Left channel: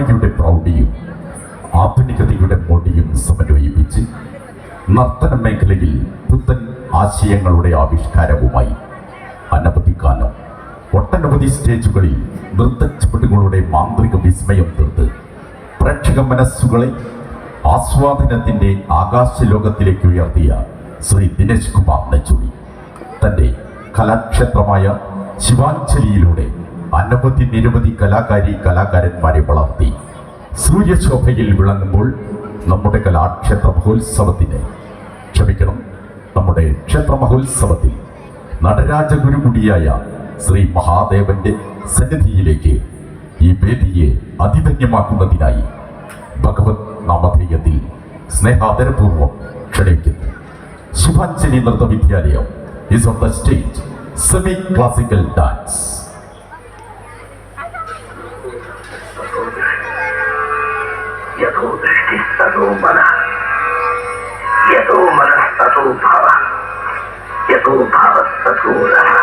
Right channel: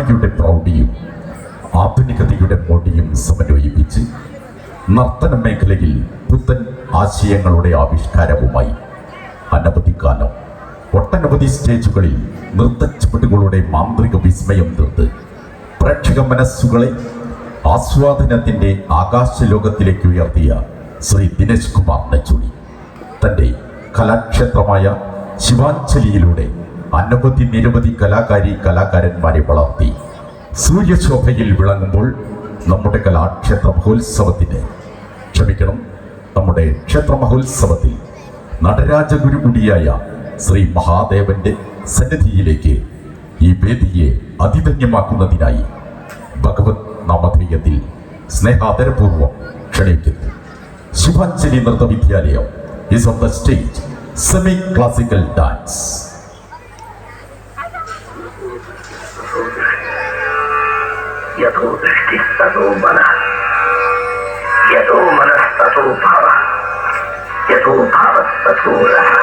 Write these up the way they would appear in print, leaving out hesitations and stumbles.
പഴമയുടെ പ്രൗഢിയും ആധുനികതയുടെ മോടിയും സമന്വയിപ്പിച്ച് നർത്തന മേഖലയിൽ പുത്തൻ ആശയങ്ങളുടെ ആവിഷ്കാരവുമായി അനവധി കാലം ഒട്ടനവധി സ്റ്റേജുകളിൽ നൃത്തച്ചുവടുകളുടെ മാന്ത്രിക വിസ്മയം തീർത്ത് പ്രേക്ഷക മനസ്സുകളെ ആസ്വാദനത്തിന്റെ ആകാശലോകത്തിലേക്ക് ഉയർത്തിയ ശ്രീ ദിനേശ് കുമാർ നെച്ചൂരി തൻ്റെ കലാക്ഷേത്രമായ ശിവാഞ്ജലിയിലൂടെ അനവധി നിരവധി കലാകാരന്മാരെ വളർത്തി സൂര്യശോഭയിൽ വിളങ്ങുമ്പോൾ നമ്മുടെ കലാക്ഷേത്ര മഹോത്സവത്തിന് നമ്മുടെ ക്ഷേത്ര മഹോത്സവത്തിൽ നടരാജഗുരു കൂടിയായ ശ്രീ മഹാദേവന്റെ സന്നിധിയിലേക്ക് ഈ വേദിയെ അതിധന്യമാക്കുന്നതിനായി ഭഗവത് നാമധേയത്തിൽ സ്നേഹാദരപൂർവം ക്ഷണിക്കുന്നു. ശിവാഞ്ജലി നൃത്ത വിദ്യാലയം is on the stage, semi-classical dance. यतो दृष्टिः ततो मनः, यतो मनः ततो भावः, यतो भावः ततो रसः.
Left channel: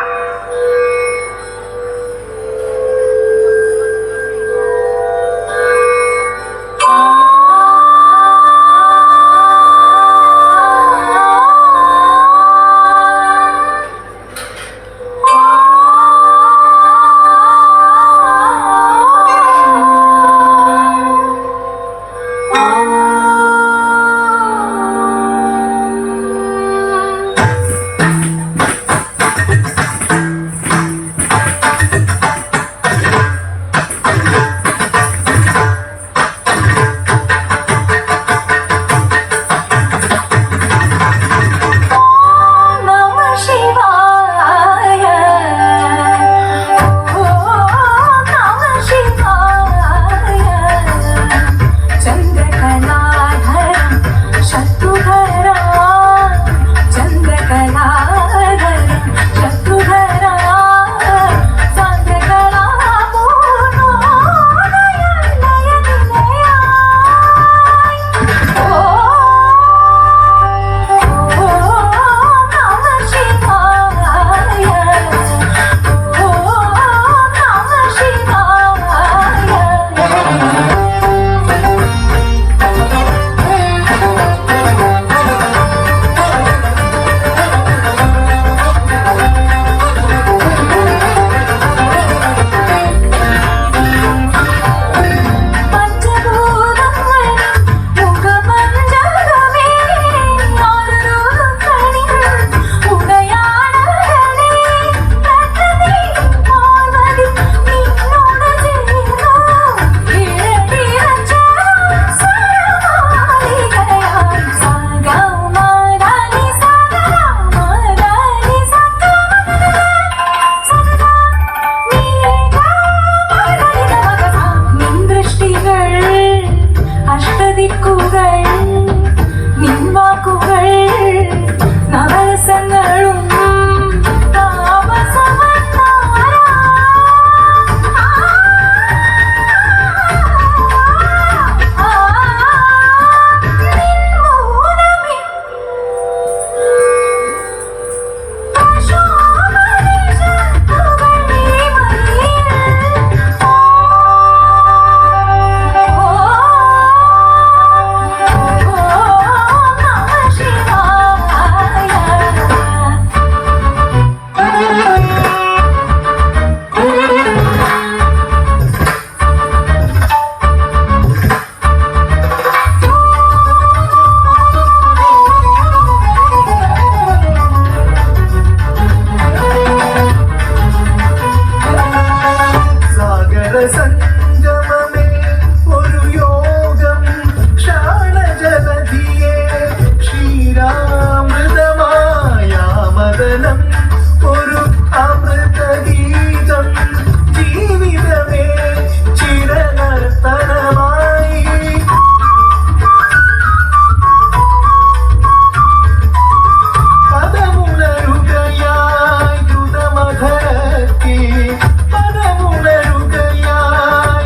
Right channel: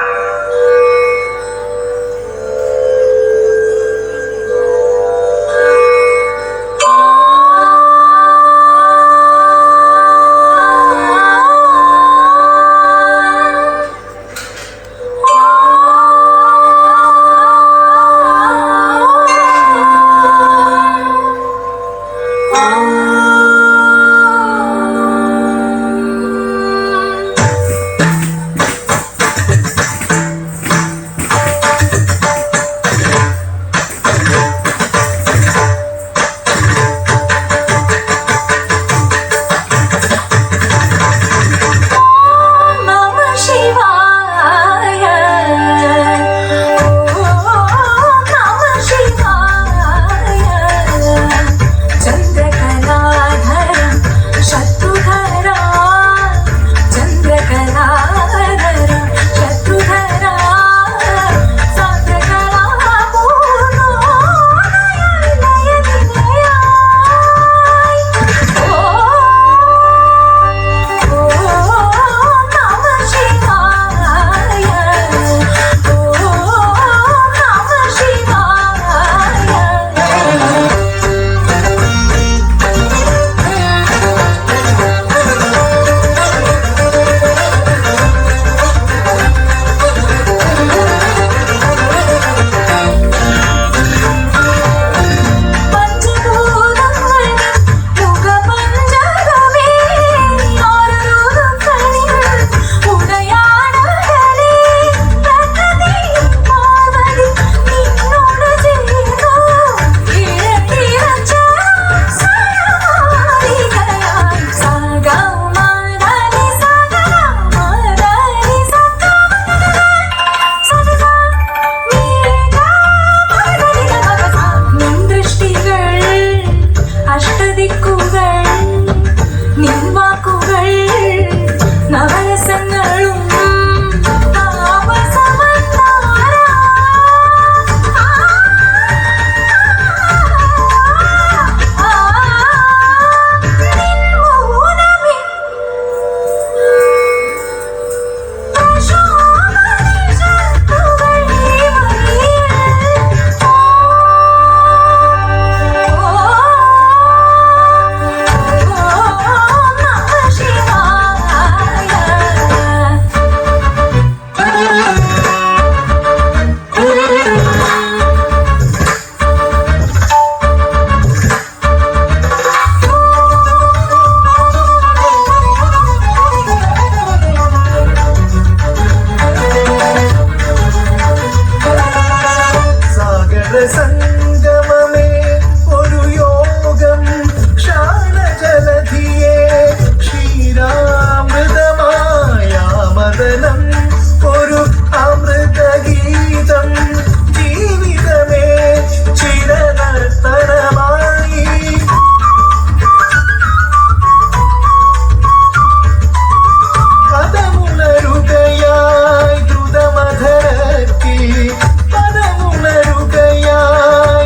പദമുണരുകയായി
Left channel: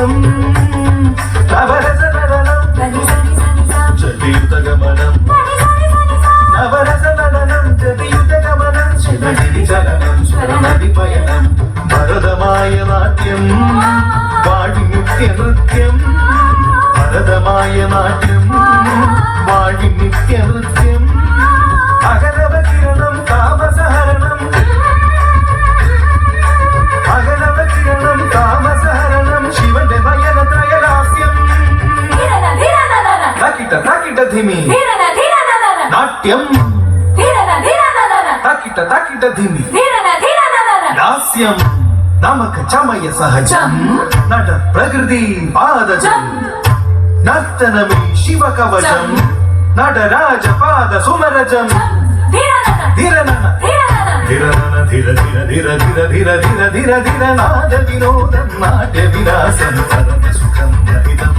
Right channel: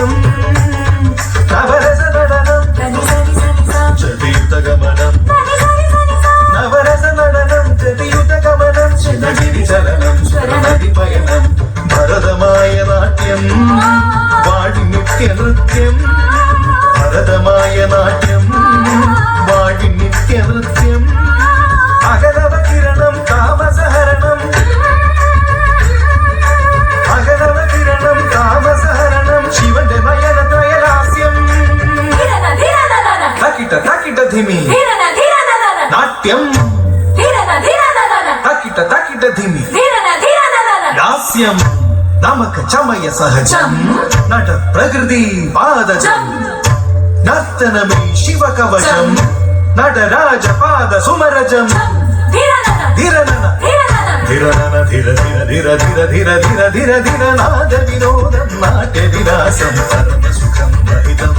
ഗീതം നവരസ നടനം ചതിയുതഗമനം നവരസ നടനം ചതിയുതഗമനം ശിവഗിരി ചലനം സ്വരമതിപയനം ഭരതമായ നാട്യം വാഴി നിത്യ നൃത്യം ഭരതമായ നാട്യം വാഴി നിത്യ നൃത്യം അകലവ കിരണം കാമസഹരണം അകലവ കിരണം കാമസഹരണം ശിവന്റെ നയന ത്രയലാസ്യം തക്കിട്ട തക്കിട്ട ധിമി നാട്യം തക്കിട്ട തക്കിട്ട ധിമി ലാസ്യം നമക ചമയ സഹജം നട പ്രകൃതി പാദജം നർത്തനമേ ശിവകവചം നടരാജ പാദ സുമരജം ധിരനന ധിരനന ധിര ധിര ധിര ധിര ധിര ധിര ധിര ധിര നാദ വിനോദം നാട്യ വിലാസം പരമസുഖം രഹിതം